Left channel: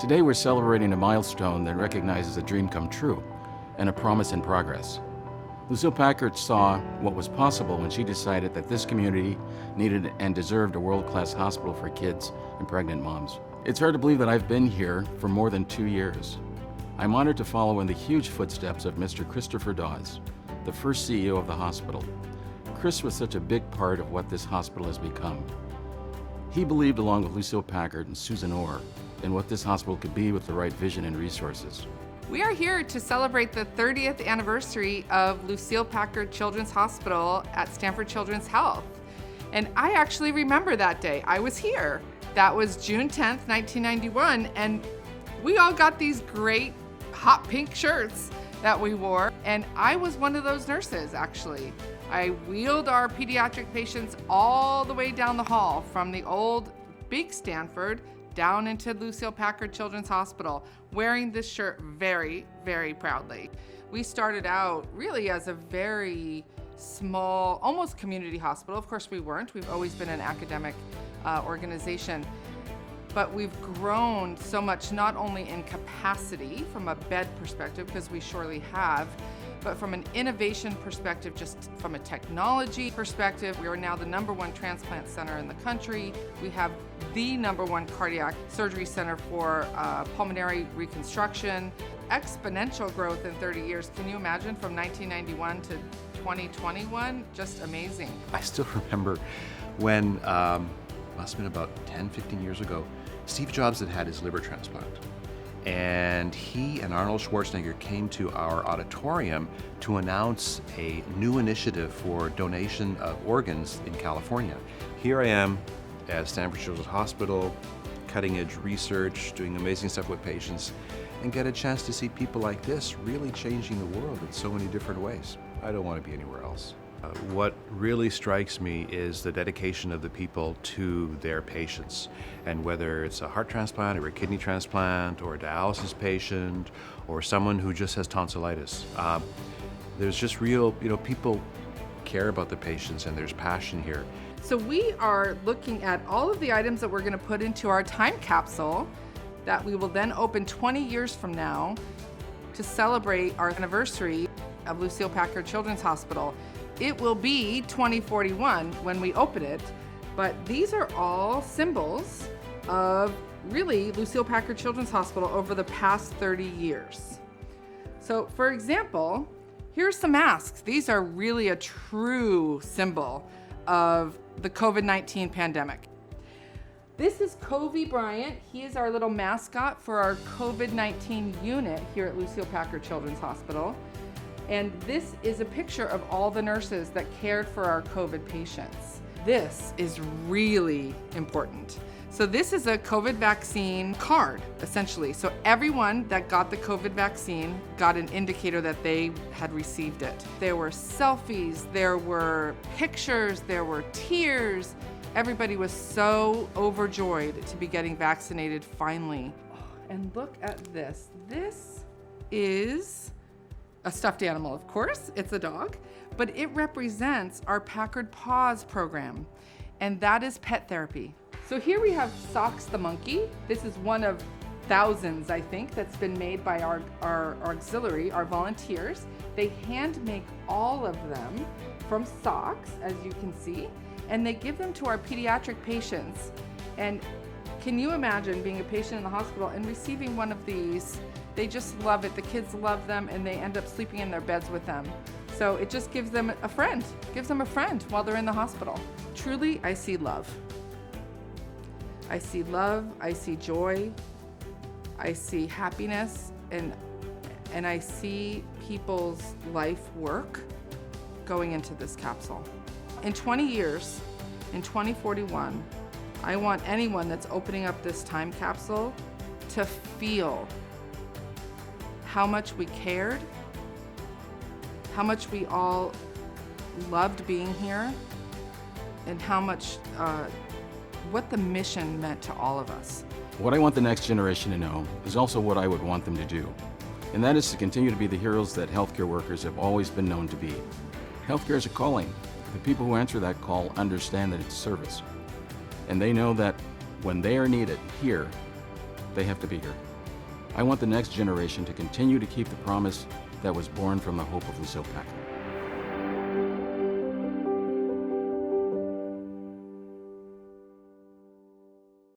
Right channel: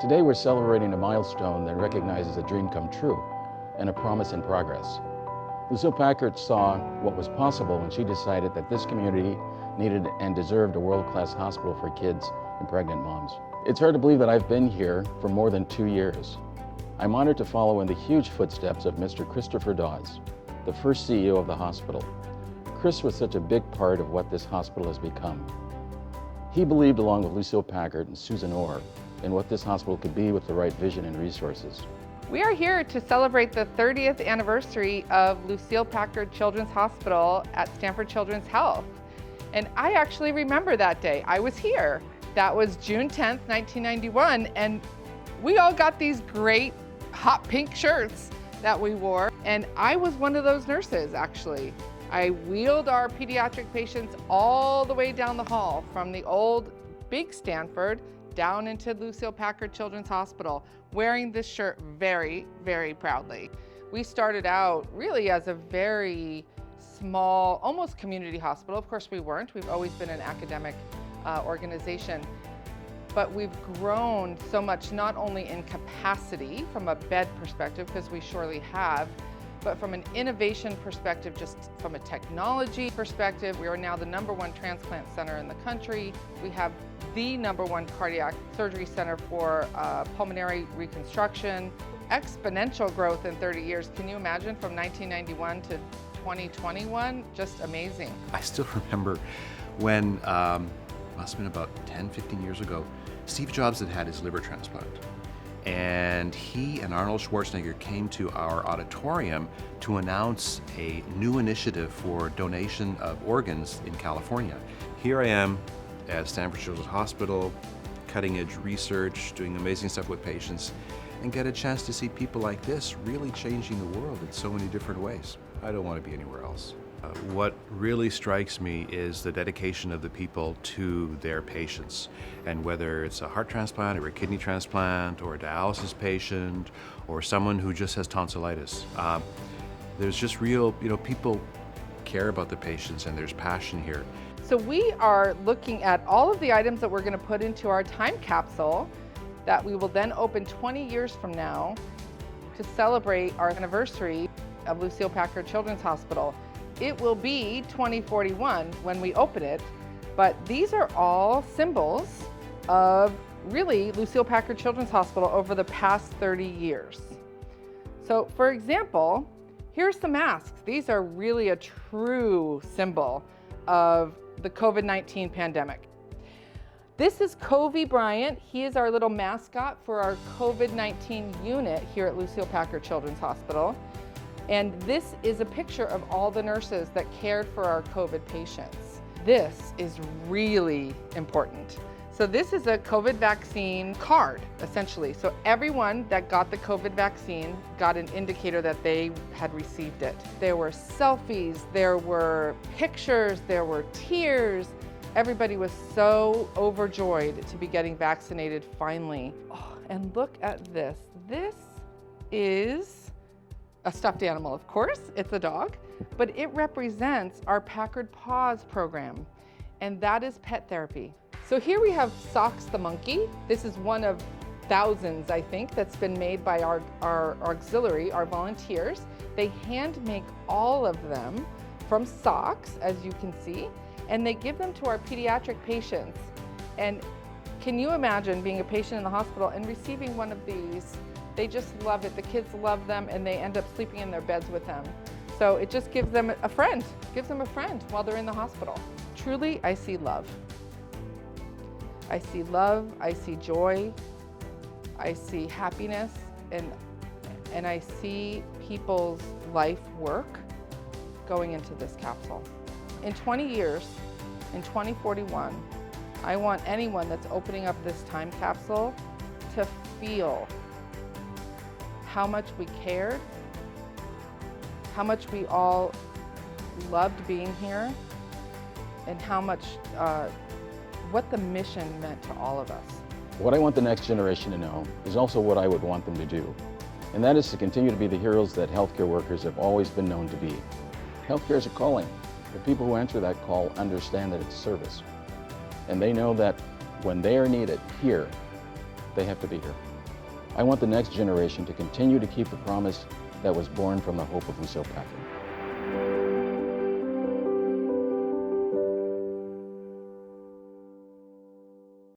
Today we're celebrating a milestone that recognizes a dream come true and a promise in progress. Lucile Packard saw what was possible when she decided that this community needed and deserved a world-class hospital for kids and pregnant moms. It's hard to believe that I've been here for more than 2 years. I'm honored to follow in the huge footsteps of Mr. Christopher Dawes, the first CEO of the hospital. Chris was such a big part of what this hospital has become. He believed, along with Lucile Packard and Susan Orr, in what this hospital could be with the right vision and resources. We are here to celebrate the 30th anniversary of Lucile Packard Children's Hospital at Stanford Children's Health. And I actually remember that day. I was here. That was June 10th, 1991, and we all got these great hot pink shirts that we wore, and I was one of those nurses, actually. I wheeled our pediatric patients all the way down the hall from the old big Stanford down into Lucile Packard Children's Hospital, wearing this shirt very, very proudly. We started out really as a very small, almost community hospital. Of course we weren't. We've always been an academic organization. But we've grown so much, not only in capacity from a bed perspective, because we surely have, but from an innovation perspective, just from a technology perspective. We are now the #1 transplant center in the country. We have the #1 cardiac surgery center for pulmonary reconstruction. Exponential growth in 30 years. Can you imagine, from 1991 to 2021? Just amazing. I still remember when, must have been about 10, 15 years ago, Steve Jobs had his liver transplant. And he and Arnold Schwarzenegger came to our auditorium to announce a new initiative for donation of organs in California. Here I am at Stanford Children's Hospital, cutting edge research, doing amazing stuff with patients, and get a chance to see people like this really changing the world in so many different ways. I don't want to be anywhere else. What really strikes me is the dedication of the people to their patients, and whether it's a heart transplant or a kidney transplant or a dialysis patient or someone who just has tonsillitis. There's just real, people care about the patients, and there's passion here. So we are looking at all of the items that we're going to put into our time capsule that we will then open 20 years from now to celebrate our anniversary of Lucile Packard Children's Hospital. It will be 2041 when we open it, but these are all symbols of really Lucile Packard Children's Hospital over the past 30 years. So for example, here's some masks. These are really a true symbol of the COVID-19 pandemic. This is Kobe Bryant. He is our little mascot for our COVID-19 unit here at Lucile Packard Children's Hospital. And this is a picture of all the nurses that cared for our COVID patients. This is really important. So this is a COVID vaccine card, essentially. So everyone that got the COVID vaccine got an indicator that they had received it. There were selfies, there were pictures, there were tears. Everybody was so overjoyed to be getting vaccinated finally. Oh, and look at this. This is a stuffed animal, of course, it's a dog, but it represents our Packard Paws program, and that is pet therapy. So here we have Socks the monkey. This is one of thousands, I think, that's been made by our auxiliary, our volunteers. They hand make all of them from socks, as you can see, and they give them to our pediatric patients. And can you imagine being a patient in the hospital and receiving one of these? They just love it. The kids love them, and they end up sleeping in their beds with them. So it just gives them a friend, while they're in the hospital. Truly, I see love. I see love, I see joy, I see happiness, and I see people's life work going into this capsule. In 20 years, in 2041, I want anyone that's opening up this time capsule to feel how much we cared, how much we all loved being here, and how much, what the mission meant to all of us. What I want the next generation to know is also what I would want them to do, and that is to continue to be the heroes that healthcare workers have always been known to be. Healthcare is a calling. The people who answer that call understand that it's service, and they know that when they are needed here, they have to be here. I want the next generation to continue to keep the promise that was born from the hope of Lucile Packard.